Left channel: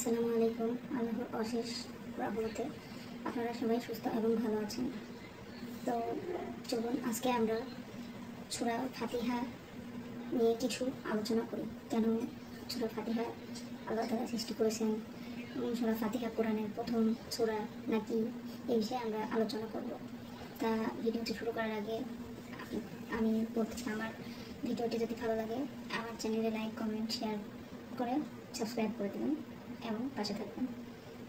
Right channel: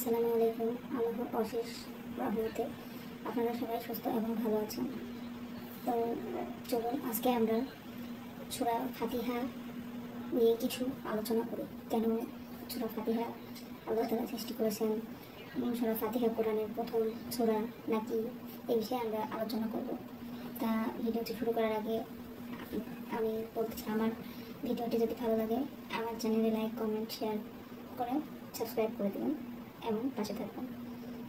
আসসালামু আলাইকুম। আল্লাহর অশেষ রহমতে আপনারা সবাই সুস্থ এবং ভালো আছেন। তো চলুন আজকে আমরা সূরা ফাতিহা নিয়ে কিছু আলোচনা করি। কেন সূরা ফাতিহা আল্লাহ তাআলা সৃষ্টি করেছেন, সূরা ফাতিহা কোরআনের প্রথম সূরা নাকি, এই বিষয়ে আমরা আলোচনা করব। তা ভিডিওটি শুরু করার আগে আমি বলছি, আমার ভিডিওটি যদি ভালো লাগে আমার চ্যানেলে লাইক, কমেন্ট, শেয়ার করে সাবস্ক্রাইব করে দেবেন এবং পাশে থাকবেন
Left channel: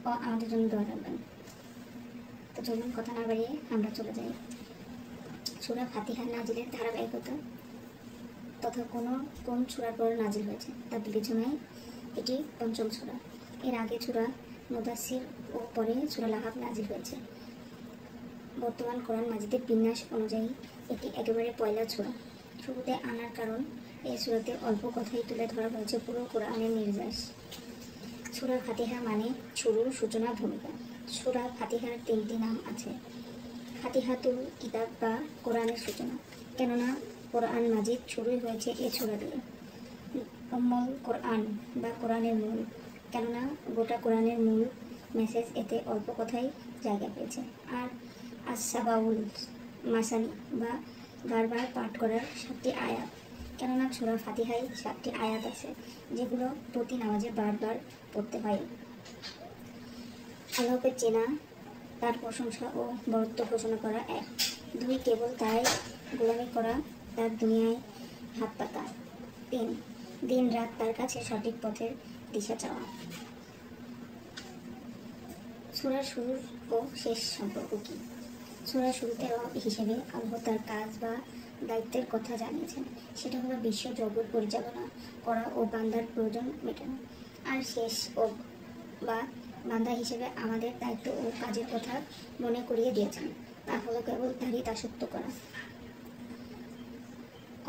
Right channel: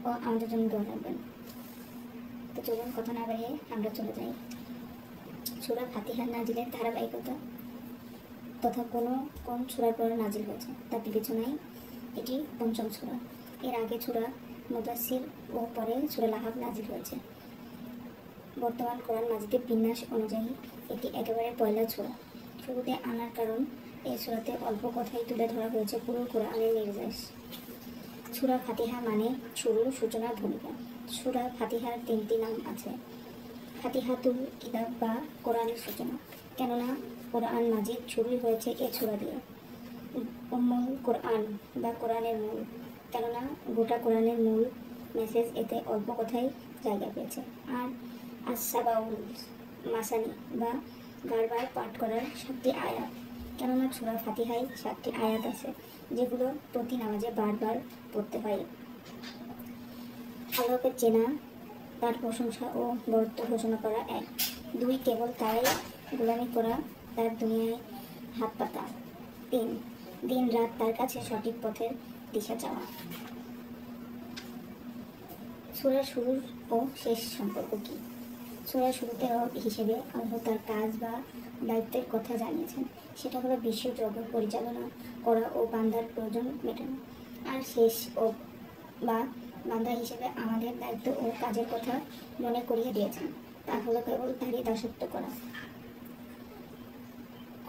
ও আমাদের জন্য দোয়া রাখবেন। তো চলুন কথা না বাড়িয়ে আমরা চলে যাই। সূরা ফাতিহা নাজিলের ধারাবাহিকতা তথা কোন সূরার পর নাজিল হয়েছে তা বিবেচনায় এটি পঞ্চম সূরা। এর আগে সূরা মুদাসসির ও পরে সূরা লাহাব নাজিল হয়েছে। বর্তমান কোরআন মাজিদের বিন্যাস অনুযায়ী এটি একেবারে পয়লা সূরা। শুরুতে আনার কারণ, এই সূরাতে অল্প কথাই তুলে ধরা হয়েছে পুরো কোরআনের নির্দেশ। সূরা ফাতিহা মানে শুরু, সূচনা, ভূমিকা। সূরা ফাতিহার তিনটি নাম আছে: ফাতিহাতুল কিতাব বা কোরআনের সূচনা, কেননা কোরআন মাজিদ শুরুই হয়েছে এ সূরা দিয়ে। উম্মুল কোরআন বা কোরআনের মূল, কেননা গোটা কোরআনের মূল মেসেজ এতে অল্প কথাই জায়গা পেয়েছে। আর আস-সাবাউল মাসানি বা বারবার পাঠ করার 7টি আয়াত, কেননা সূরা ফাতিহায় 7টি আয়াত আছে যেগুলো প্রতি নামাজে বারবার পড়তে হয়। আল্লাহকে চেনা, তার প্রশংসা ও বরত্ব ঘোষণা করা 1, 2 কেবল তাই গোলামি করা, তার দুনিয়ায় হাত পাতা। 3 দিন রাত তার কাছে সঠিক পথের দিশা চাওয়া। সূরার শুরু ও শেষ সম্পর্ক কি? সূরার শুরুতে হিসেবে আল্লাহ তার কাজ বা দায়িত্বের কথা জানিয়েছেন, সেটা হলো বিশ্ব জগৎ পরিচালনা করা ও বান্দার প্রয়োজন মেটানো। আর শেষ ও বা বান্দা হিসেবে আমাদের দায়িত্ব ও কাজের কথা মনে করিয়ে দিয়েছেন, তা হলো কেবল তারই দাসত্ব করা।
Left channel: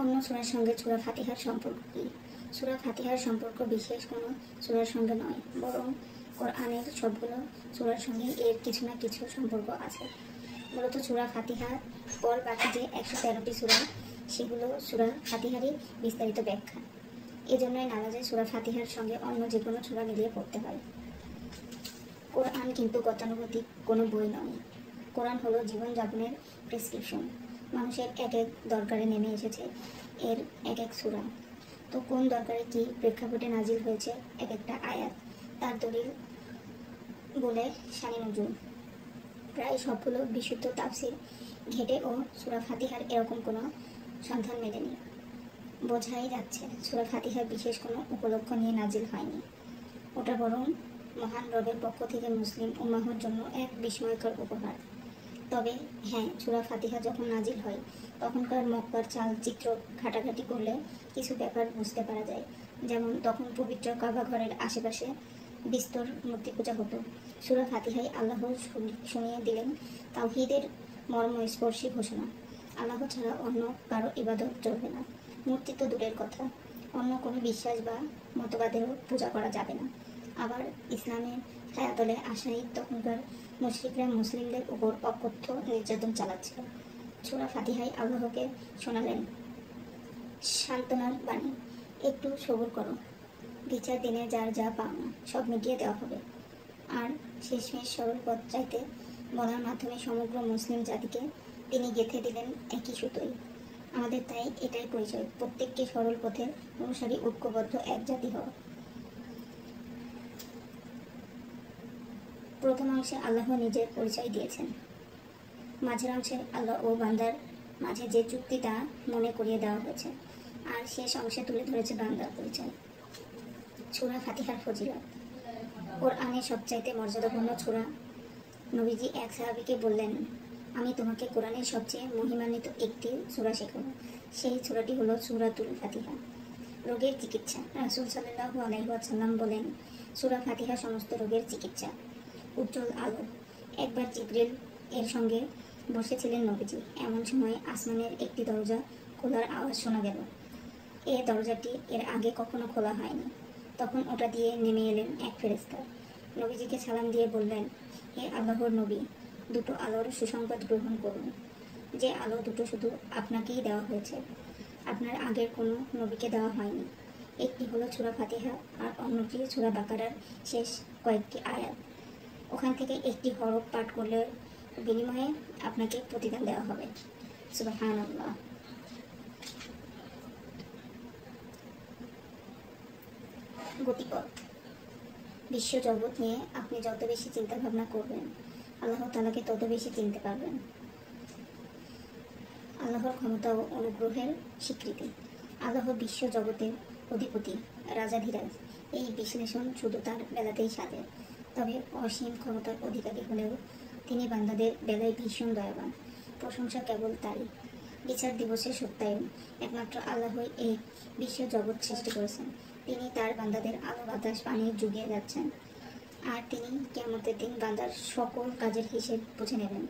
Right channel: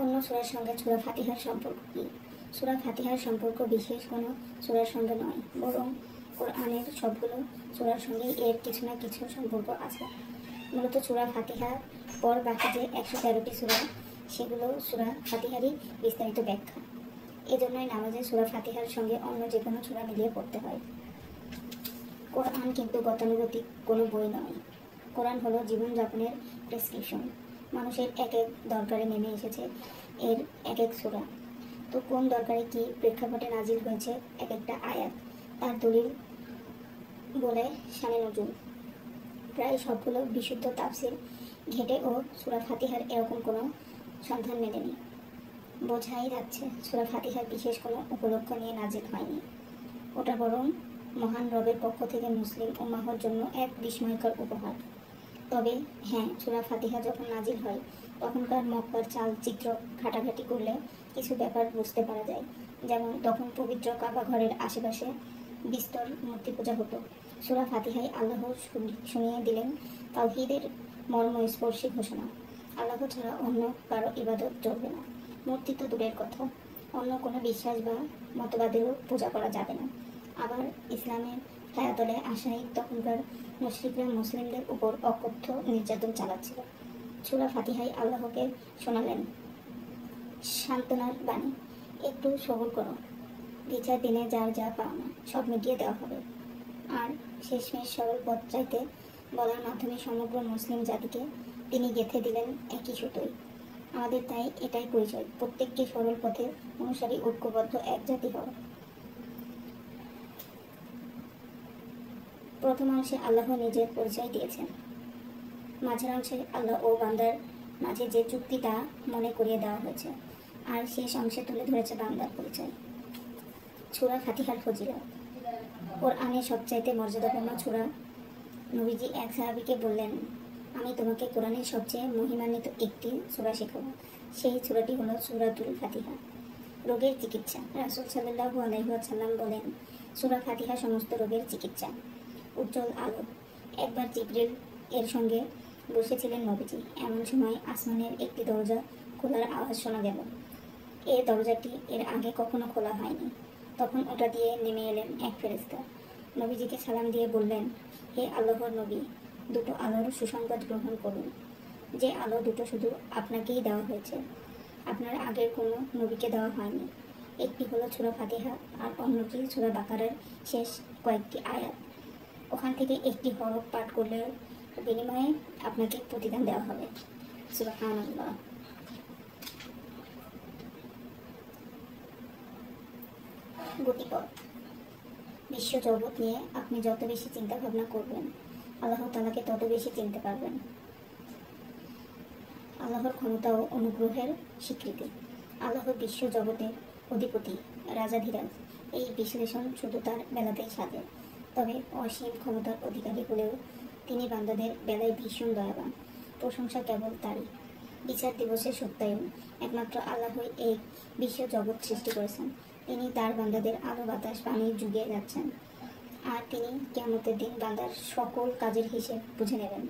অন্য সূরার সঙ্গে সূরা ফাতিহার সম্পর্ক কি? সূরা ফাতিহার সম্পর্ক বিশেষ কোনো সূরার সঙ্গে নয়, বরং কোরআনের সবগুলো সূরার সঙ্গে এর কিছু না কিছু সম্পর্ক আছে। মূলত সূরা ফাতিহার পর বাকি যে 113টি সূরা, সেগুলো সূরা ফাতিহারই বিস্তারিত ব্যাখ্যা। এজন্যই নামাজে সূরা ফাতিহার সঙ্গে অন্য যে কোনো সূরা মিলিয়ে পড়তে হয়। কোরআন কিন্তু গতানুগতিক কোনো বই নয়। কোরআন হলো জীবনযাপনের প্রেসক্রিপশন। মানুষের এক এক দরকারে নেমে এসেছে এর এক এক সূরা। তো কোন দরকারে কি প্রেক্ষাপটে নাজিল হয়েছে এক একটা আয়াত, তার দলিল বলে শানে নজুল। প্রায় সবগুলো বিশুদ্ধ তাফসির ঘেটে ও সূরা ফাতিহার এরকম কোনো সন্ধান মেলেনি। বোঝাই যাচ্ছে সূরা ফাতিহা বিশেষ কোনো উপলক্ষ নিয়ে নাজিল হয়নি। ওটা বরং মহান রবের পক্ষ থেকে মুসলিম উম্মাহর জন্য এক বিস্ময়কর উপহার। তবে হ্যাঁ, সূরা ফাতিহা যখন নাজিল হয় তখনকার মক্কার চালচিত্র ঘাটাঘাটি করলে কিছু ব্যাপার বুঝতে পারা যায়। যেমন তখন পবিত্র কাবা ঘরের আশেপাশে বিস্তর মূর্তি পূজা হতো। সূরা ফাতিহায় আল্লাহ শুনিয়ে দিলেন তাওহীদের মর্মস্পর্শী ঘোষণা: আল্লাহ ছাড়া অন্য কারো ইবাদত চলবে না। মূর্তি তো দূরের কথা, অন্য কোনো বিশ্বাস বা মতবাদেরও পূজা করা যাবে না। আবার ইসলামের ছায়াতলে আসায় তখনকার মুশরিকরা মুসলিমদের উপর অকথ্য নির্যাতন চালাচ্ছিল। সূরা ফাতিহায় আল্লাহকে শোনালেন সান্ত্বনার বাণী: একটু সবুর করো, বিচার দিনে যার যা পাওনা সব মিটিয়ে দেওয়া হবে। আর শেষমেশ সরল পথ চাইতে বলার মাধ্যমে সমগ্র মুসলিম জাতিকে তিনি গেঁথে দিলেন একই সুতোয়। আমাদের তাই এটাই পরিচয়, প্রত্যেককে সরল পথের অনুসারী, ঐক্যবদ্ধ এক জাতি হওয়া। প্রথম অংশে আল্লাহ নিজের পরিচয় দিয়েছেন, মাঝের অংশে আল্লাহ ও বান্দার মাঝে যে চুক্তি তা মনে করিয়ে দেওয়া হয়েছে, আর শেষ অংশে তুলে ধরেছে বান্দার পরিচয়। সূরা ফাতিহার ফজিলত। কোরআনের সবচাইতে মর্যাদাপূর্ণ সূরা। নবীজি এক সাহাবীকে বললেন, আমি তোমাকে কোরআনের সবচেয়ে মহিমান্বিত একটি সূরা শেখাবো। সেই সূরাটি হলো সূরাতুল ফাতিহা। রোগের চিকিৎসা। রাসূল সাল্লাল্লাহু আলাইহি ওয়াসাল্লাম বলেন, সূরা ফাতিহা সমস্ত রোগের চিকিৎসা। উজ্জ্বল আলো। একবার জিবরিল এর সঙ্গে বসেছিলেন নবীজি। এমন সময় আসমানের একটি দরজা খোলার আওয়াজ শোনা গেল। এই দরজাটি এর আগে কখনো খোলা হয়নি। তখন ওটা দিয়ে নেমে এলেন এক ফেরেশতা। নবীজিকে সালাম দিয়ে বললেন, হে আল্লাহর নবী, দুটো আলোর সুসংবাদ গ্রহণ করুন। যে আলো দুটো শুধু আপনাকেই দেওয়া হয়েছে, আপনার আগের কোনো নবীকে দেওয়া হয়নি। একটি হলো সূরা ফাতিহা আর অন্যটি সূরা বাকারার শেষ কয়েকটি আয়াত। ওখান থেকে একটি হরফ পাঠ করলে বিনিময়ে আপনাকে প্রতিদান দেওয়া হবে। সুবহানাল্লাহ। গতিপথ। বিশ্ব জগৎ নিয়ে আপনি যত বেশি চিন্তা ভাবনা করবেন, আল্লাহ তাআলাকে তত বেশি চিনতে পারবেন। আল্লাহর ক্ষমতা ও অনুগ্রহের স্বীকৃতি। আল্লাহ বিশ্ব জগতের অধিপতি, রাজাধিরাজ। এই বিশ্লেষণ শুধু তার বেলাতেই সাজে। তবে অসীম ক্ষমতার অধিকারী হলেও তিনি বান্দাদের বেলায় ভীষণ দয়াবান। প্রশংসা কেবল তারই। বিচার দিবসের সত্যায়ন। একমাত্র আল্লাহই এই বিশ্ব জগৎ সৃষ্টি করেছেন। তিনি তার বান্দাদের আলো বাতাস পানি যুগিয়ে যাচ্ছেন, আর তিনি কিয়ামতের দিন বান্দার সকল কাজের হিসেব বুঝে নেবেন।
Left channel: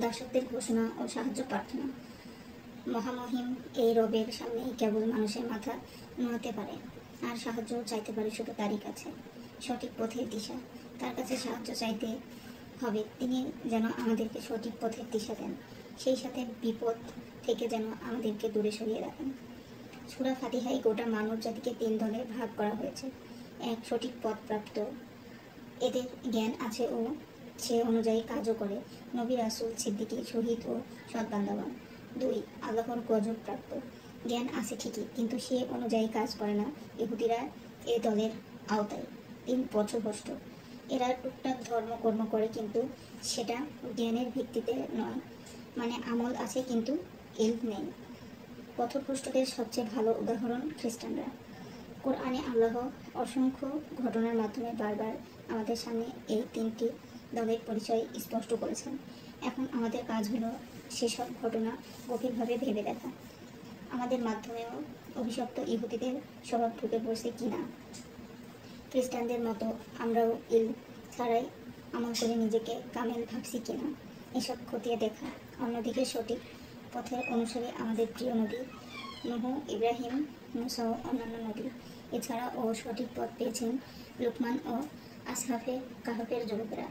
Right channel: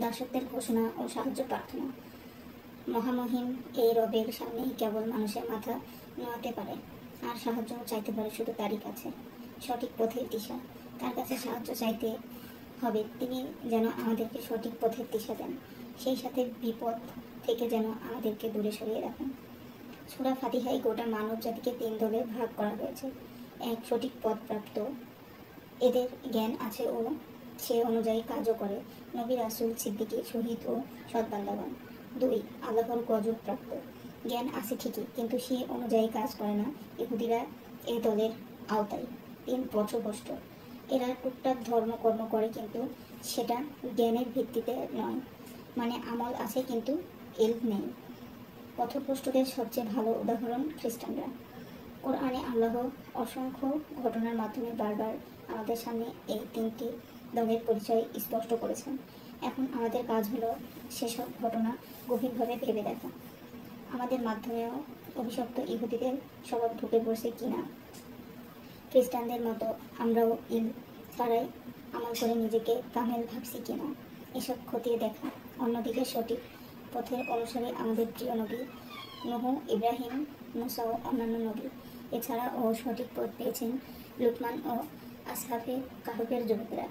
দাসত্বের ঘোষণা ও সাহায্য প্রার্থনা। মহামহিম এই রবের সামনে কেবল মানুষের মাথা নোয়াতে পারে, আর সাহায্য চাইতে পারে শুধু তারই কাছে। সঠিক পথের দিশা। তার কাছে সাহায্য চাইতে হবে, তিনি যেন আমাদেরকে সঠিক পথের দিশা দেন, সেই সাথে বিপদ থেকে যেন আমাদেরকে দূরে সরিয়ে রাখেন। সূরা ফাতিহায় গোটা মানব জাতিকে 3 দলে ভাগ করা হয়েছে। 1, সঠিক পথ প্রাপ্ত, এদের জ্ঞান আছে ও সে অনুযায়ী কাজও করে, নবী, রাসূল, সিদ্দিকী, শহীদ ও সৎ বান্দাগণ। 2, আল্লাহর গজব প্রাপ্ত, জ্ঞান আছে ঠিকই কিন্তু সে অনুযায়ী কাজ করে না, ইহুদিরা এ দলের আওতায়। 3, পথভ্রষ্ট, এরা টুকটাক ধর্মকর্ম করে কিন্তু সেটা জ্ঞানের ভিত্তিতে নয়, মানে আমল আছে কিন্তু ইলম নেই। পথভ্রষ্টদের সবচেয়ে ভালো উদাহরণ খ্রিস্টানরা। কোরআনে আল্লাহ অসংখ্য ঘটনার মাধ্যমে বারবার আমাদের সামনে এই 3টি দলের পরিচয় স্পষ্ট করেছেন। এখন আমাদের কাজ হলো সেসব ঘটনা গভীরভাবে ভেবে দেখা। আমাদের মাধ্যমেও অভিশপ্ত ইহুদিদের স্বভাব ঢুকে পড়ছে কিনা। খ্রিস্টানদের মতো আমরাও ইলম ছাড়াই আমল করে নিজেকে কামেল ভাবছি কিনা, এসব খতিয়ে দেখা। অন্যদিকে সঠিক পথের অনুসারী আমাদের প্রিয় নবী নূহ, ইব্রাহিম, মুসা ও অন্যান্য নবী। এছাড়াও সঠিক পথ পেয়েছেন লুকমান ও আসহাবে কাহফের যুবকেরা।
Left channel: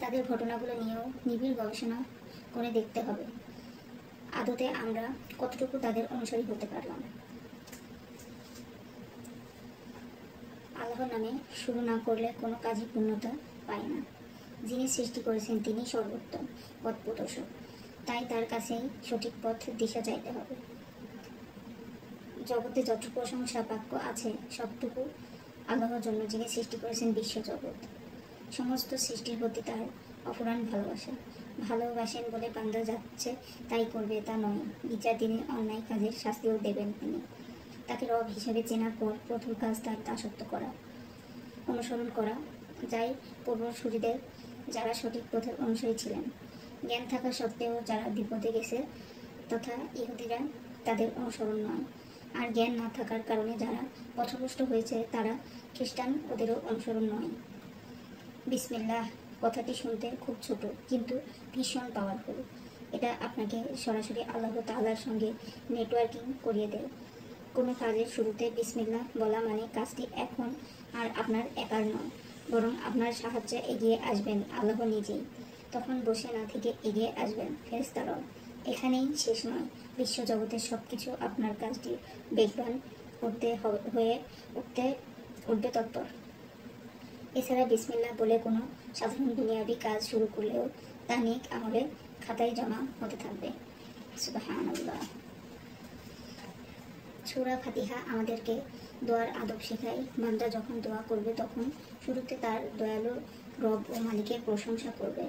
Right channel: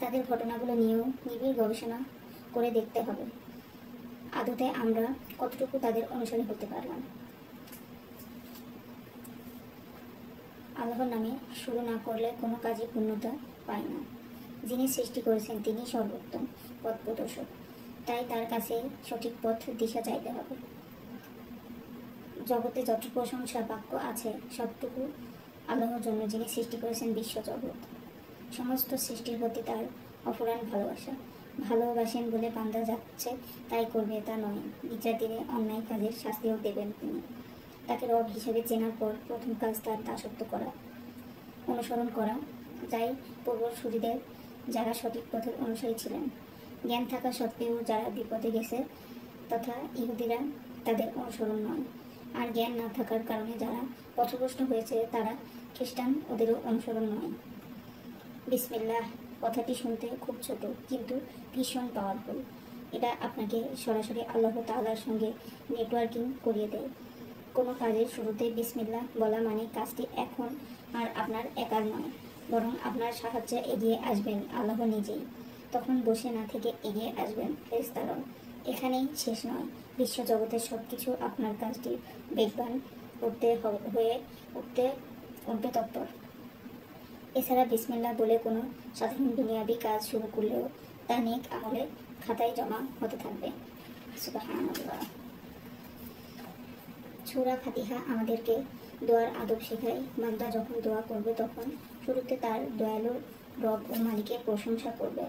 তাদের ঘটনাগুলো নিয়েও নিবিড় গবেষণা করে দেখতে হবে আদতে আমরা কতটুকু তাদের অনুসারী হতে পারলাম। আল্লাহর নামে শুরু না করলে কোনো কাজই পূর্ণতা পায় না। যিনি সৃষ্টি করেছেন তিনি সর্বোত্তম পথ প্রদর্শক, তাই তার কাছে সঠিক পথ দিশা চাইতে হবে। জগতে যতটুকু প্রশংসা বাক্য আছে সবটুকু আল্লাহর জন্য, যিনি সৃষ্টি করেছেন বিশ্ব জগৎ। সমস্ত সৃষ্টির প্রতি তার অফুরান ভালোবাসা। ভালোবাসেন বলে বান্দা যাচ্ছে তাই করবে তা নয়, বিচার দিনে অন্যায় কাজের শাস্তিও দেবেন তিনি। তাকে রব হিসেবে চেনার পর প্রথম কাজ তার দাসত্ব করা, অনুসরণ করা, যাই পূর্বসূরীদের যারা সঠিক পথের অনুসারী ছিলেন। জ্ঞান থাকা সত্ত্বেও যারা বিপদে গেছে তথা ইহুদিরা, তাদের অনুসরণ নয়। আর জ্ঞান না থাকার কারণে যারা পথভ্রষ্ট হয়েছে তারা খ্রিস্টান, ওদেরও অনুসরণ নয়। বিসমিল্লাহ কথাটি শুনতে খুব ছোট কিন্তু ভীষণ পাওয়ারফুল। এটা আপনাকে সরাসরি আল্লাহ তাআলার সঙ্গে নেটওয়ার্কিং করিয়ে দেয়। কোনো কাজের শুরুতে বিসমিল্লাহ বলা মানে কাজটি এখন আর আপনার একার নয়, বরং আপনার সাহায্যে এগিয়ে আসবেন আল্লাহ নিজেই। তখন বসে না থেকে এগিয়ে আসবেন ফেরেশতাগণ। এখানেই শেষ নয়, বিশ্ব জগতের সব কিছু আপনার কাজটি বেগবান উঠবে তৎপর। এছাড়া বিসমিল্লাহ বলে কোনো সাধারণ দুনিয়াবি কাজ শুরু করলেও তা নেক আমলের খাতায় জমা হতে থাকবে। সুবহানাল্লাহ। সূরা ফাতিহা আমাদেরকে দোয়ার আদব শেখায়। বান্দা যখন দোয়া করবে তখন শুরুতে তার দয়ালু রব ও মালিকের প্রশংসা করবে,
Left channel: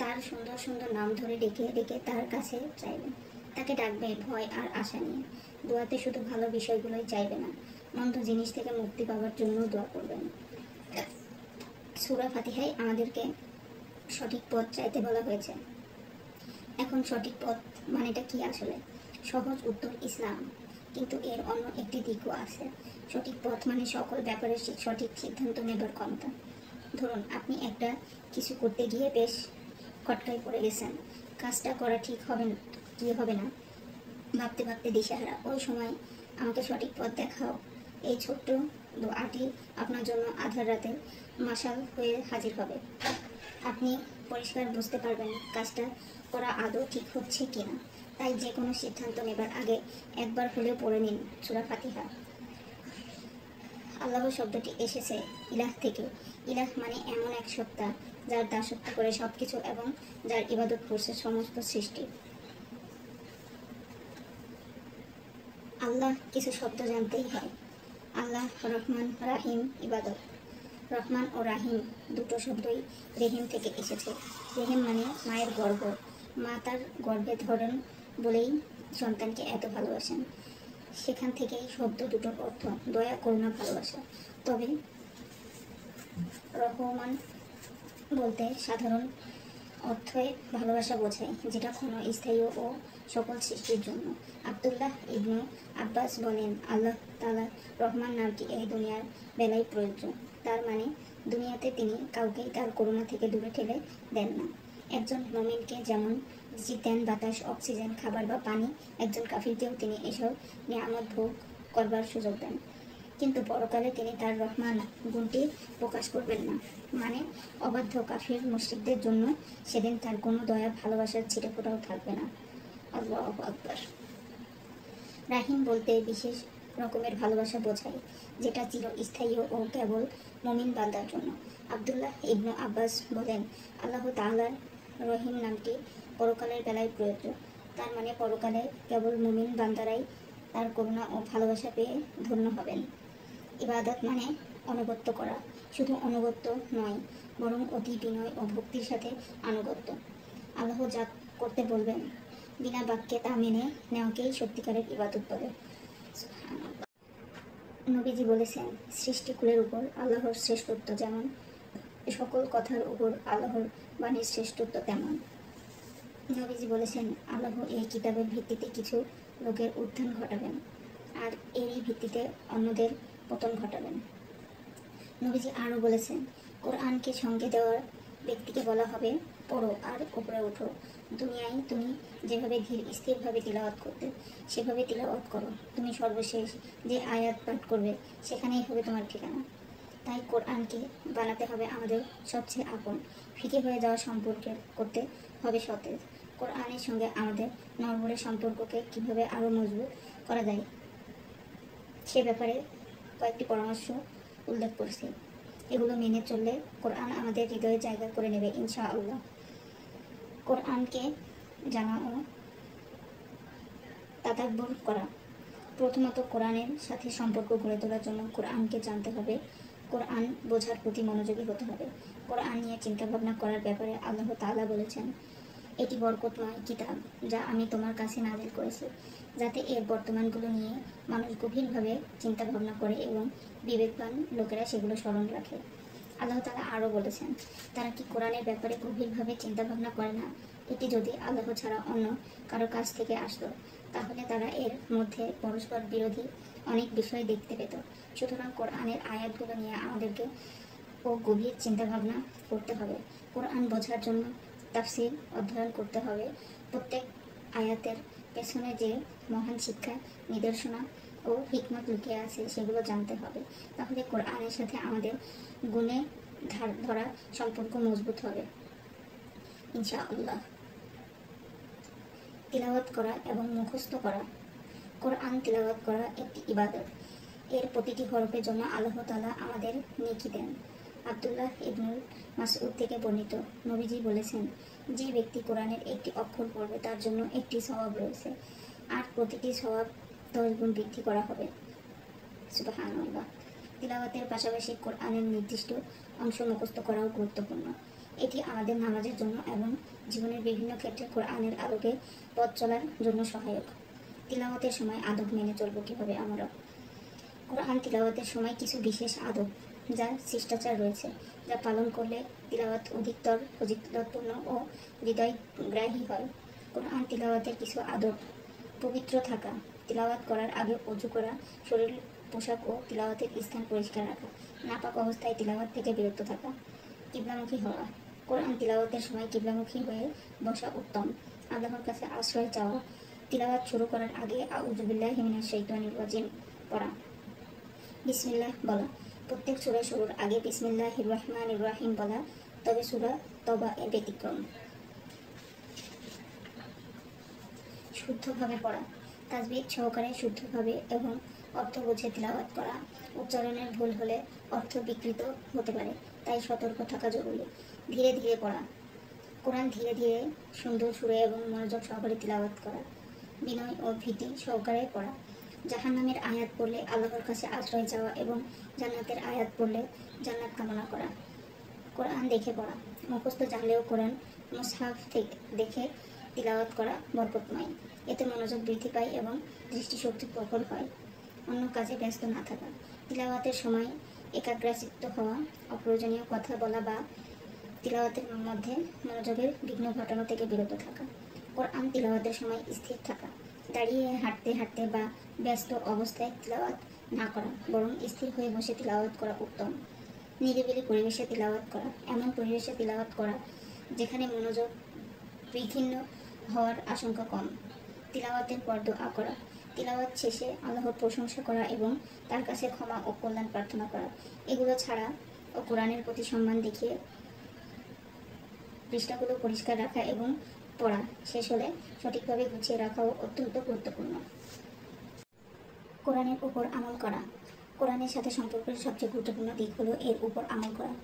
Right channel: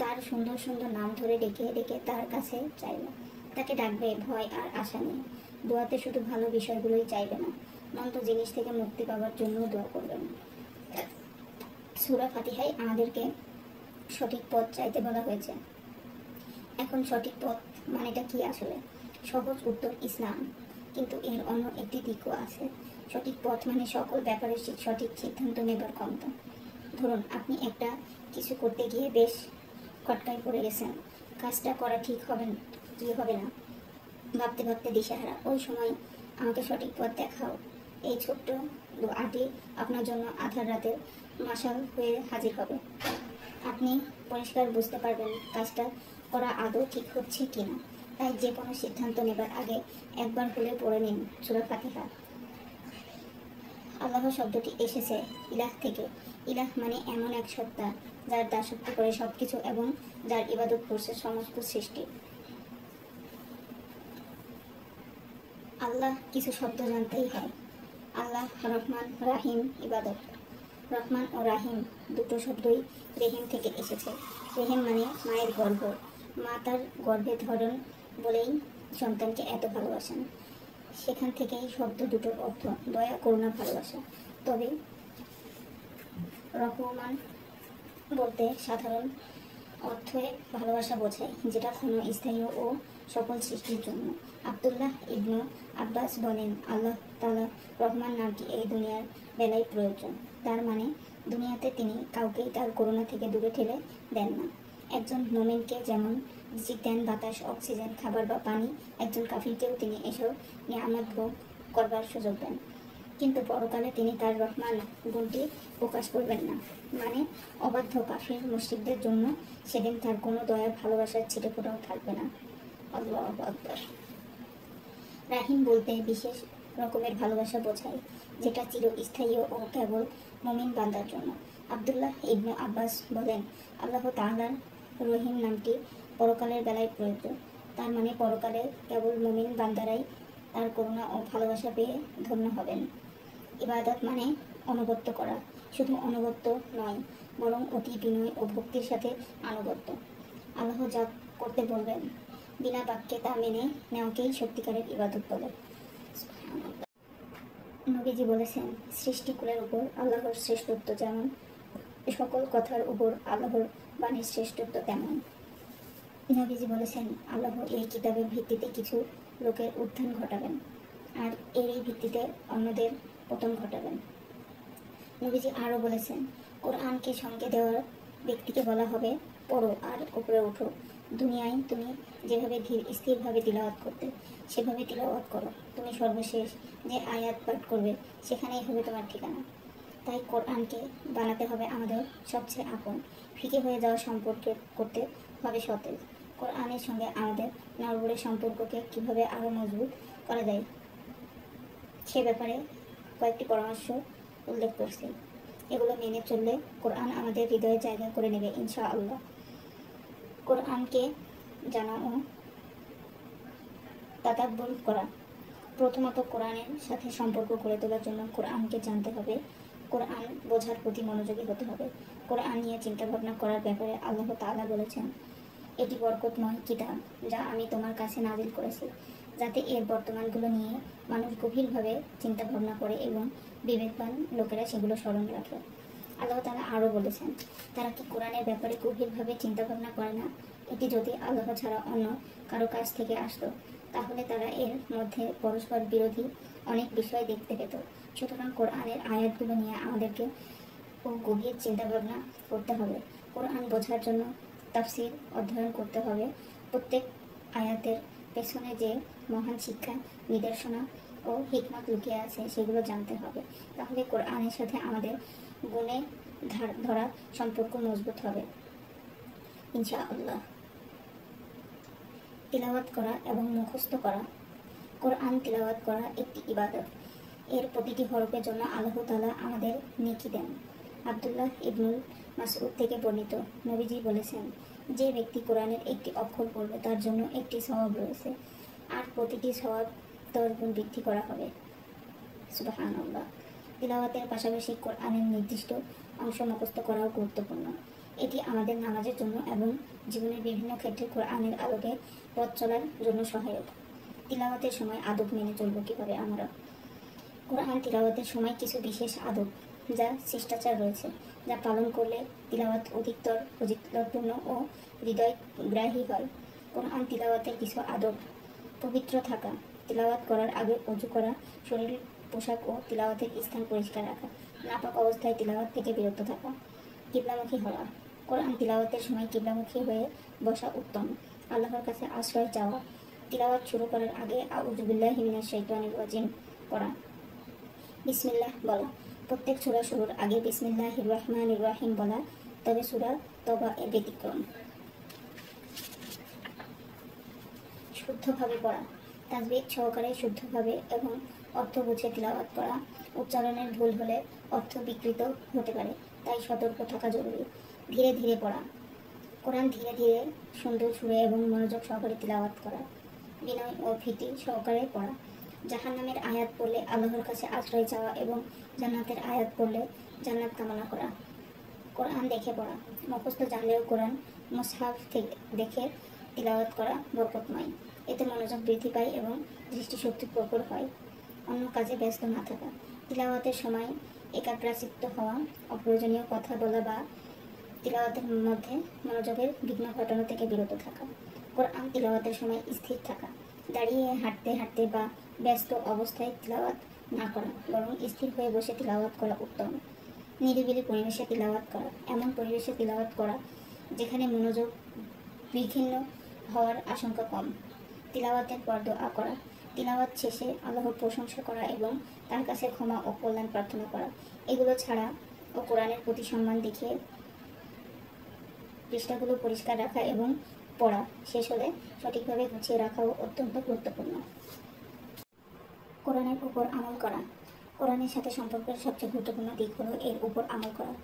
তার সুন্দর সুন্দর নাম ধরে ডেকে ডেকে তার কাছে চাইবে, তাকে ডাকবে ভয় আর আশা নিয়ে। দোয়াতে শুধু ভালো বিষয়গুলোই চাইবে না, মন্দ জিনিস থেকে মুক্তি পাওয়ার জন্য দোয়া করবেন। সূরা ফাতিহায় আমাদেরকে সঠিক পথ চাইতে বলা হয়েছে। এখন সঠিক পথ মানেটা কি আসলে? সহজ উত্তর ইসলাম, কিন্তু এর অন্য একটি দিকও আছে। সঠিক পথ মানে সকল ব্যাপারে সঠিক সিদ্ধান্ত নেবার ক্ষমতা। ধরুন আপনি একটা কিছু করতে গিয়ে বেশ খটকায় পড়ে গেছেন, কাজটা করা ঠিক হবে কি হবে না ভাবতে ভাবতে দিশেহারা। ওই সময় আমাকে সঠিক পথ দেখাও, এই ছোট্ট দোয়াটি আপনার জন্য আধার রাতে মাশাল হয়ে হাজির হবে। আপনি পরিষ্কার বুঝতে পারবেন কাজটা করা আদৌ ঠিক হচ্ছে কিনা। তাই যে কোনো সিদ্ধান্ত নেবার আগে একবার হলে পড়ে নিন সূরা ফাতিহা। আল্লাহ শব্দটি এসেছে ইলাহ থেকে। ইলাহ মানে এমন এক সত্তা যার দাসত্ব করে সবকিছু এবং যার ইবাদত করছে সমস্ত সৃষ্টি। আল্লাহ কিছু শব্দ জানতেই হয়। আল্লাহ, রহমান, রাহিম, ইবাদত। রহমান ও রাহিম দুটো শব্দই রেহিম থেকে এসেছে। রেহিম মানে মায়ের গর্ভ। মা তার গর্ভে ধরন বলেই সন্তানকে এত ভালোবাসেন। সেখান থেকেই শব্দ দুটোর অর্থ দয়া, করুণা, ভালোবাসা। তবে রহমান বলতে সাধারণ অর্থে ভালোবাসা বোঝায়, যেটা কোনো স্থায়ী ও সকল সৃষ্টির জন্য। আব্দুল্লাহ ইবনু আব্বাস বলেন, আল্লাহ তাআলা রহমান নামটি এই দুনিয়ার বেলায় প্রয়োজন। তার মানে দুনিয়াতে তিনি কাউকেই তার করুণা থেকে দূরে ঠেলে দেন না। একজন মুমিনকে যেমন দেন বাতাস, অক্সিজেন, খাবার বা পানি, একজন কাফিরকেও তিনি এসব নিয়ামত ভোগ করবার সুযোগ দেন। কিন্তু পরকালে তিনি তার রহমান গুণটি প্রকাশ করবেন না। মানে অবাধ্য কাফির মুশরিকদের জন্য সেদিন তার কোনো দয়া, ভালোবাসার ছিটেফোঁটাও থাকবে না। আল্লাহু আকবার। রাহিম বলতে বিশেষ রকমের ভালোবাসা বোঝায়, যেটা চিরস্থায়ী ও কেবল মুমিন বান্দার জন্য। আব্দুল্লাহ ইবনু আব্বাস বলেন, আল্লাহ তাআলার রহিম নামটি পরকালের বেলায় প্রয়োজ্য। তার মানে পরকালে কেবল মুমিন বান্দারাই তার করুণা ও ভালোবাসা পেয়ে ধন্য হবেন। ইবাদত মানে আনুগত্য করা। শুধু আনুগত্য নয়, বরং অতি বিনয় ও ভক্তির সাথে আনুগত্য। আল্লাহ যা করতে বলবেন বিনা বাক্যে তা মেনে নেওয়াকেই সত্যিকারের ইবাদত বলে। নবীজি বলেছেন, সৃষ্টিকুলের উপর আল্লাহর শ্রেষ্ঠত্ব যেমন, সকল কথার উপর আল্লাহর বাণীর শ্রেষ্ঠত্ব তেমন। নবীজি বলেছেন, আল্লাহ এই কিতাবের ভিত্তিতে কিছু লোকের উত্থান ঘটাবেন, আর এরই ভিত্তিতে অন্যদের পতন ঘটাবেন। নবীজি আরও বলেছেন, কোরআনকে সঙ্গে দেওয়ার ব্যক্তিকে বলা হবে, পড়ো আর উপরে ওঠো। দুনিয়ায় তুমি যেভাবে ধীর স্থিরভাবে তিলাওয়াত করতে, সেভাবে তিলাওয়াত করো। তুমি সর্বশেষ যে আয়াত পাঠ করবে, সেখানেই হবে তোমার ঠিকানা। তাই কোরআনকে বানাতে হবে আমাদের সবচেয়ে আপন। ফিকে হয়ে যাওয়া সম্পর্কে করতে হবে সতেজ। কোরআনের সঙ্গে আমাদের নড়বড়ে সম্পর্ককে কিভাবে আরও মজবুত করা যায়, সে ব্যাপারে কয়েকটি পরামর্শ উল্লেখ করছি। এগুলো মেনে চললে কোরআন আমাদের হৃদয়ে জায়গা করে নেবে ইনশাআল্লাহ। কোরআনকে জানা ও তাদাব্বুর করা। প্রথমত কোরআনের সাথে সম্পর্ক গড়ে তোলার জন্য কোরআনকে জানতে হবে, কোরআন বোঝার প্রতি মনোযোগী হতে হবে। কোরআন নিয়ে চিন্তাভাবনা করার ব্যাপারে আল্লাহ তাআলা বলেছেন, এটি বরকতময় কিতাব যা আমি তোমার কাছে নাজিল করেছি, যাতে এর বর্তমানগুলো নিয়ে মানুষ গভীরভাবে চিন্তা ভাবনা করে এবং বিবেকবান লোকেরা সেগুলো স্মরণ রাখে। আল্লাহ তাআলা আরও বলেছেন, তারা কি কোরআনের ব্যাপারে গভীরভাবে চিন্তা ভাবনা করে না? এটি যদি আল্লাহ ছাড়া অন্য কারো কাছ থেকে আসতো, তাহলে তারা এর মধ্যে পরস্পর বিরোধী অনেক বিষয় দেখতে পেত। সুতরাং কোরআনের আয়াতগুলো নিয়ে আমাদেরকে গভীর চিন্তা ভাবনা করতে হবে। কোরআন বোঝার জন্য তাফসীর অধ্যয়ন করতে হবে। প্রত্যেক আয়াতের পেছনে যে মহান শিক্ষা, নির্দেশনা ও হিকমত লুকিয়ে আছে সেগুলো জানতে হবে। তাহলে কোরআনের সাথে আমাদের গুণে ধরা সম্পর্ক মজবুত হবে ইনশাআল্লাহ। তিলাওয়াত করা এবং মুখস্থ করা। কোরআন তিলাওয়াত করা একটি ইবাদত। এর প্রতিটি হরফের জন্য আল্লাহ তাআলা আমাদের নেকি দেন। আব্দুল্লাহ ইবনু মাসউদ থেকে বর্ণিত, নবীজি বলেছেন, যে ব্যক্তি কোরআনের একটি অক্ষর পড়বে তার জন্য একটি সওয়াব রয়েছে, আর প্রতিটি সওয়াব 10 গুণ বৃদ্ধি করা হবে। সুবহানাল্লাহ। তিলাওয়াতের পাশাপাশি কোরআনের নির্দিষ্ট অংশ মুখস্থ করাও গুরুত্বপূর্ণ। এটি আমাদের নামাজের জন্য এবং জীবনের বিভিন্ন ক্ষেত্রে কোরআনের আলোকে পথ চলার জন্য সহায়ক। তিলাওয়াতের সময় আদব মেনে চলব কিভাবে আমরা? কোরআন তিলাওয়াতের সময় কিছু বিশেষ আদব, যা শিষ্টাচার রয়েছে, যা পালন করলে তিলাওয়াত অধিকতর ফজিলতপূর্ণ ও হৃদয়গ্রাহী হয়। কোরআন তিলাওয়াতের কিছু আদব: পবিত্র থাকা, তিলাওয়াত করার আগে ওযু করা, শরীর, পোশাক ও তিলাওয়াতের স্থান পরিষ্কার রাখা, নাপাক অবস্থায় তিলাওয়াত থেকে বিরত থাকা। কিবলামুখী হওয়া, কোরআন তিলাওয়াতের সময় কিবলামুখী হয়ে বসা উত্তম। আল্লাহর কাছে আশ্রয় চাওয়া, তিলাওয়াত শুরু করার আগে আউযু বিল্লাহি মিনাশ শাইতানির রাজিম পড়া, বিসমিল্লাহ বলা। প্রত্যেক সূরা শুরুর আগে বিসমিল্লাহির রহমানির রহিম বলা, তবে সূরা তওবা এর ব্যতিক্রম। শুদ্ধভাবে পড়া, তাজবিদ সহকারে শুদ্ধভাবে এবং অর্থ বুঝে তিলাওয়াত করা। উচ্চারণের ভুল হলে অর্থ বিকৃত হতে পারে, তাই সতর্ক থাকা জরুরি। ধীরে ধীরে পড়া, কোরআন ধীরে ধীরে সুন্দর সুরে এবং মনোযোগ সহকারে তিলাওয়াত করা। বিনয় ও ভীতি সহকারে পড়া। জাহান্নামের আয়াত পড়লে আল্লাহর কাছে আশ্রয় চাওয়া এবং জান্নাতের আয়াত পড়লে জান্নাত কামনা করা। কোরআন দেখে পড়া, মুখস্থ জানলেও কোরআন মুসহাফ থেকে দেখে তিলাওয়াত করা বরকতময়। এতে মনোযোগ বৃদ্ধি পায় এবং দৃষ্টিশক্তি প্রখর হয়। অন্য কাজে ব্যস্ত না থাকা, তিলাওয়াতের সময় একাগ্রচিত্ত হওয়া, অপ্রয়োজনীয় কথা বলা বা তিলাওয়াতের মধ্যে মনোযোগের বিঘ্ন ঘটানো থেকে বিরত থাকা। কোরআন তিলাওয়াতের সময় স্থির থাকা, দাঁড়িয়ে হাঁটতে হাঁটতে বা ব্যস্ত অবস্থায় তিলাওয়াত না করা, বরং স্থির হয়ে বসে তিলাওয়াত করা উত্তম। নিরিবিলি পরিবেশে তিলাওয়াত করা, এমন পরিবেশে তিলাওয়াত করা যেখানে মনোযোগ বিচ্ছিন্ন হওয়ার আশঙ্কা কম। তিলাওয়াতের পর দোয়া করা, তিলাওয়াত শেষে আল্লাহর প্রশংসা করা এবং তার কাছে ক্ষমা ও কল্যাণ প্রার্থনা করা। এগুলো ছাড়া ও কোরআনের প্রতি সম্মান দেখিয়ে পৃষ্ঠাগুলো পরিষ্কার রাখা এবং পড়া শেষ হলে সঠিকভাবে গুছিয়ে রাখাও অত্যন্ত গুরুত্বপূর্ণ। কোরআনের উপর আমল করা, কোরআনের সাথে সম্পর্কের সবচেয়ে গুরুত্বপূর্ণ দিক হলো এর উপর আমল করা।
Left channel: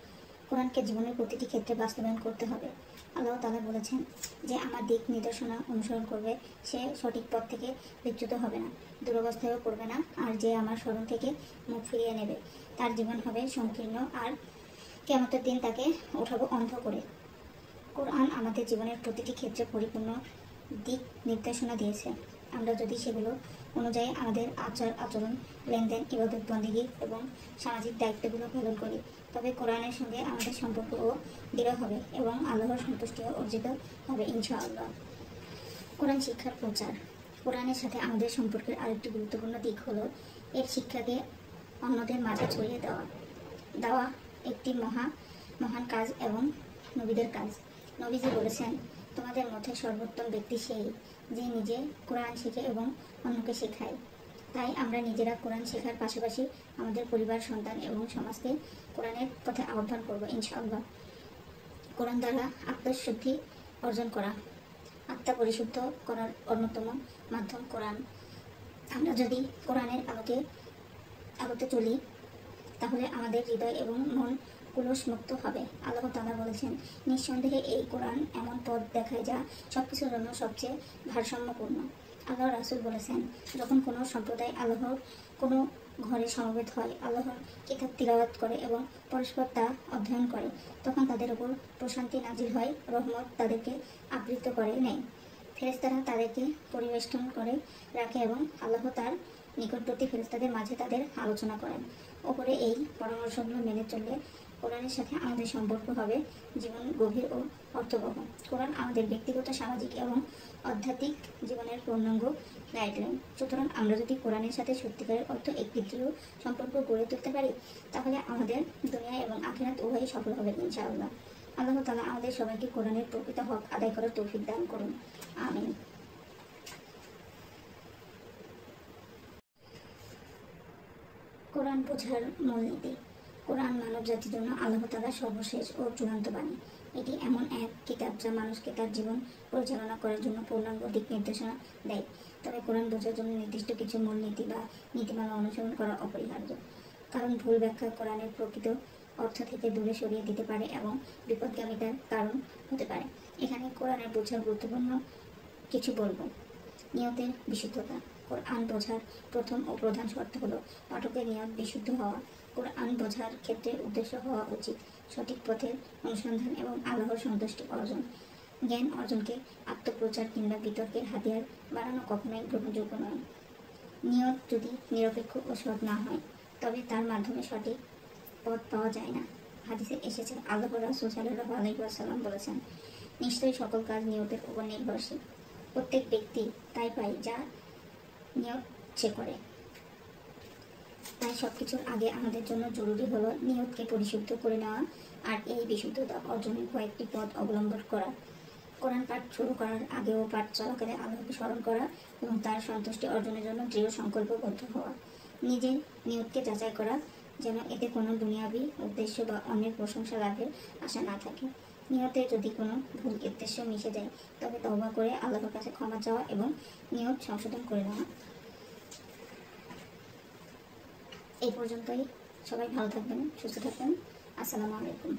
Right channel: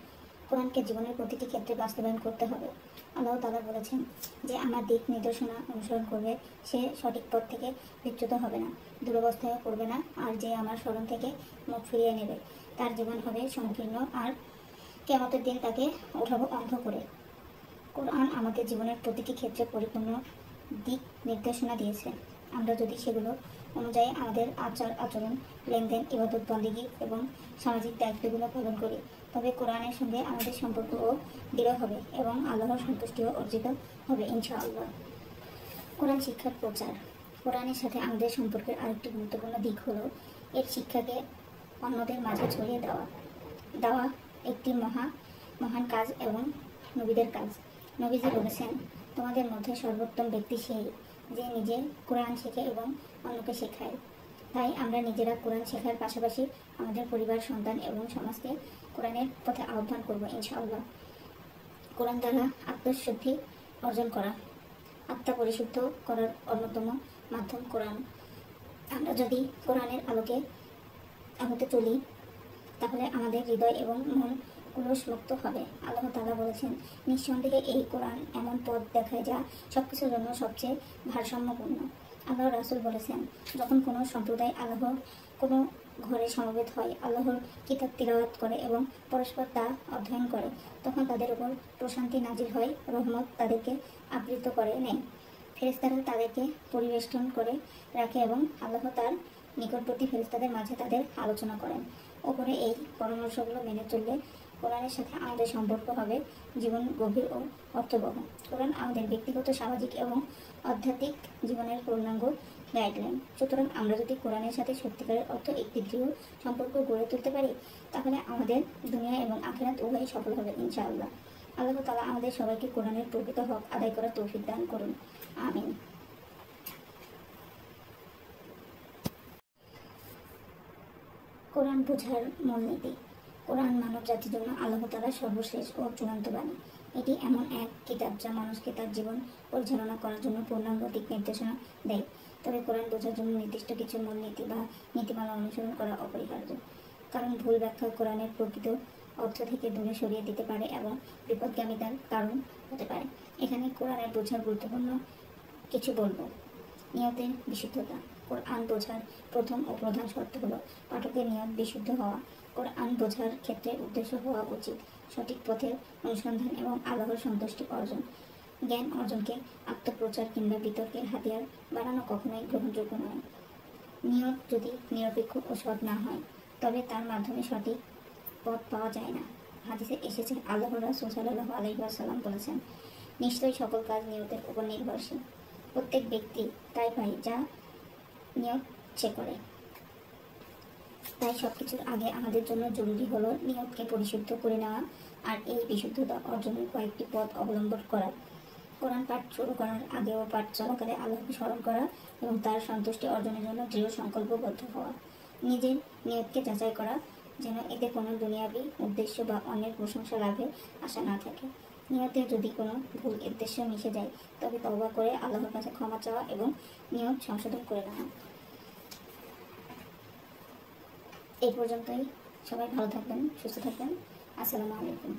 কোরআনকে জীবনের প্রতিটি ক্ষেত্রে বাস্তবায়ন করতে হবে। আল্লাহ তাআলা বলেছেন যে আমার দিক নির্দেশনা অনুসরণ করবে সে সঠিক পথ থেকে বিচ্যুত হবে না, দুরবস্থায়ও পড়বে না, আর যে আমার স্মরণ থেকে মুখ ফিরিয়ে নেবে তার জীবন হবে সংকীর্ণ, আর কিয়ামতের দিন তাকে উঠাবো অন্ধ করে। কোরআন আমাদের জীবনের প্রতিটি ক্ষেত্রে পরিপূর্ণ দিক নির্দেশনা দিয়েছে। আমরা যদি সেগুলো অনুযায়ী আমাদের আচার আচরণ, লেনদেন, ইবাদত বন্দেগী এবং সামাজিক দায়িত্বগুলো পালন করি, তবে কোরআনের সঙ্গে আমাদের সম্পর্কও দৃঢ় হবে এবং আল্লাহর সন্তুষ্টিও অর্জিত হবে ইনশাআল্লাহ। কোরআন শিক্ষার প্রচার, কোরআনের সাথে আমাদের সম্পর্কের আরেকটি গুরুত্বপূর্ণ দিক হলো এর শিক্ষাকে অন্যদের মাঝে ছড়িয়ে দেওয়া একটি মহান কাজ এবং নবীদের কাজ। নবীজি বলেছেন, তোমাদের মধ্যে সর্বোত্তম ব্যক্তি সেই যে নিজে কোরআন শেখে এবং অন্যকে শেখায়। তাই আমরা নিজেরা কোরআন শেখার পাশাপাশি আমাদের পরিবার, সন্তান এবং সমাজকে কোরআনের পথে আহ্বান করব ইনশাআল্লাহ। কোরআন দ্বারা আত্মশুদ্ধি অর্জন করা, আত্মা পরিশুদ্ধ করার অন্যতম মাধ্যম কোরআন। আমরা যদি কোরআনের আলোতে চলি তাহলে আমাদের হৃদয় এবং মন কুলুষমুক্ত হবে। আল্লাহ তাআলা বলেছেন, নিঃসন্দেহে এই কোরআন এমন পথ দেখায় যা সবকিছুর জন্য সবচেয়ে ভারসাম্যপূর্ণ। আল্লাহ রাসূল বলেছেন, যখন কোনো সম্প্রদায় আল্লাহর কোনো ঘরে সমবেত হয়, আল্লাহর কিতাব তিলাওয়াত করে এবং পরস্পর তা অধ্যয়ন করে, তখন তাদের উপর প্রশান্তি নাজিল হয়, রহমত তাদেরকে আবৃত করে নেয়, ফেরেশতারা তাদেরকে পরিবেষ্টন করে রাখে এবং আল্লাহ তার নিকটবর্তী ফেরেশতাদের মাঝে তাদের আলোচনা করেন। ওপরে এই পরামর্শগুলো মেনে চললে কোরআনের সাথে আমাদের সম্পর্ক হবে জীবন গভীর ও অর্থবহ। কোরআন আমাদের ব্যক্তিগত, সামাজিক এবং আধ্যাত্মিক জীবনের পূর্ণাঙ্গ গাইডলাইন। সুতরাং আমরা যদি কোরআনের সাথে সত্যিকারের অর্থ একটি দৃঢ় সম্পর্ক গড়ে তুলতে পারি, তাহলে আমাদের দুনিয়া এবং আখিরাত উভয়ই সফল হবে ইনশাআল্লাহ। আল্লাহ তাআলা আমাদের সবাইকে কোরআনের প্রকৃত হক আদায় করার তৌফিক দান করুন, আমিন। কোরআন বোঝার মূলনীতি। কোরআন মানব জাতির জন্য আল্লাহ তাআলার সর্বশেষ ও চূড়ান্ত বাণী। এটি এমন এক কিতাব যা মানুষকে তার জীবন পরিচালনা করার জন্য পূর্ণাঙ্গ দিক নির্দেশনা দেয়। তবে কোরআন বোঝার জন্য নির্দিষ্ট কিছু মূলনীতি বা নীতিমালা অনুসরণ করা অপরিহার্য, কারণ ভুল ব্যাখ্যা কোরআনের প্রকৃত অর্থ থেকে দূরে সরিয়ে দিতে পারে এবং বিপদগামিতার কারণ হতে পারে। এখানে কোরআনের বোঝার গুরুত্বপূর্ণ কিছু বলবো। নিয়তের বিশুদ্ধতা। কোরআন বোঝার প্রথম ও প্রধান শর্ত হলো পাঠকের নিয়ত বিশুদ্ধ হওয়া। কোরআন বোঝার ক্ষেত্রে উদ্দেশ্য হওয়া উচিত সঠিক পথের অনুসন্ধান এবং আল্লাহর সন্তুষ্টি অর্জন। জ্ঞান অর্জনকে আত্মপ্রচার কিংবা বিতর্কের হাতিয়ার বানানো কখনোই গ্রহণযোগ্য নয়। নিয়ত যদি নিরপেক্ষ ও সৎ না হয়, তবে তার মাধ্যমে সঠিক পথ পাওয়া যায় না। হাদিসে এসেছে, আল্লাহ রাসূল সাল্লাল্লাহু আলাইহি ওয়াসাল্লাম বলেছেন, নিশ্চয়ই সকল কাজ নিয়তের উপর নির্ভরশীল। প্রত্যেক ব্যক্তি তাই পায় যা নিয়ত সে করে। তাই সবকিছুর আগে আমাদের জন্য জরুরি হলো নিয়তকে পরিশুদ্ধ করে নেওয়া আর এই বিশুদ্ধতা অর্জনের কয়েকটি পথ অবলম্বন করা। কোরআন পাঠ শুরু করার আগে ও পাঠ চলাকালে আল্লাহকে স্মরণ করা এবং তার সন্তুষ্টি অর্জনের জন্য দৃঢ় সংকল্পবদ্ধ হওয়া। নিজের নিয়তকে যাচাই করা যেন এতে কোনো দুনিয়াবি উদ্দেশ্য বা অন্যের প্রশংসা লাভের আশা না থাকে। নিয়তে যদি কোনো ভুল উদ্দেশ্য মিশে যায় তবে তওবা করে আল্লাহর কাছে ক্ষমা চাওয়া এবং নিয়ত সংশোধন করে নেওয়া। এই পর্যন্তই। সবাই ভালো থাকবেন, সুস্থ থাকবেন। আসসালামু আলাইকুম।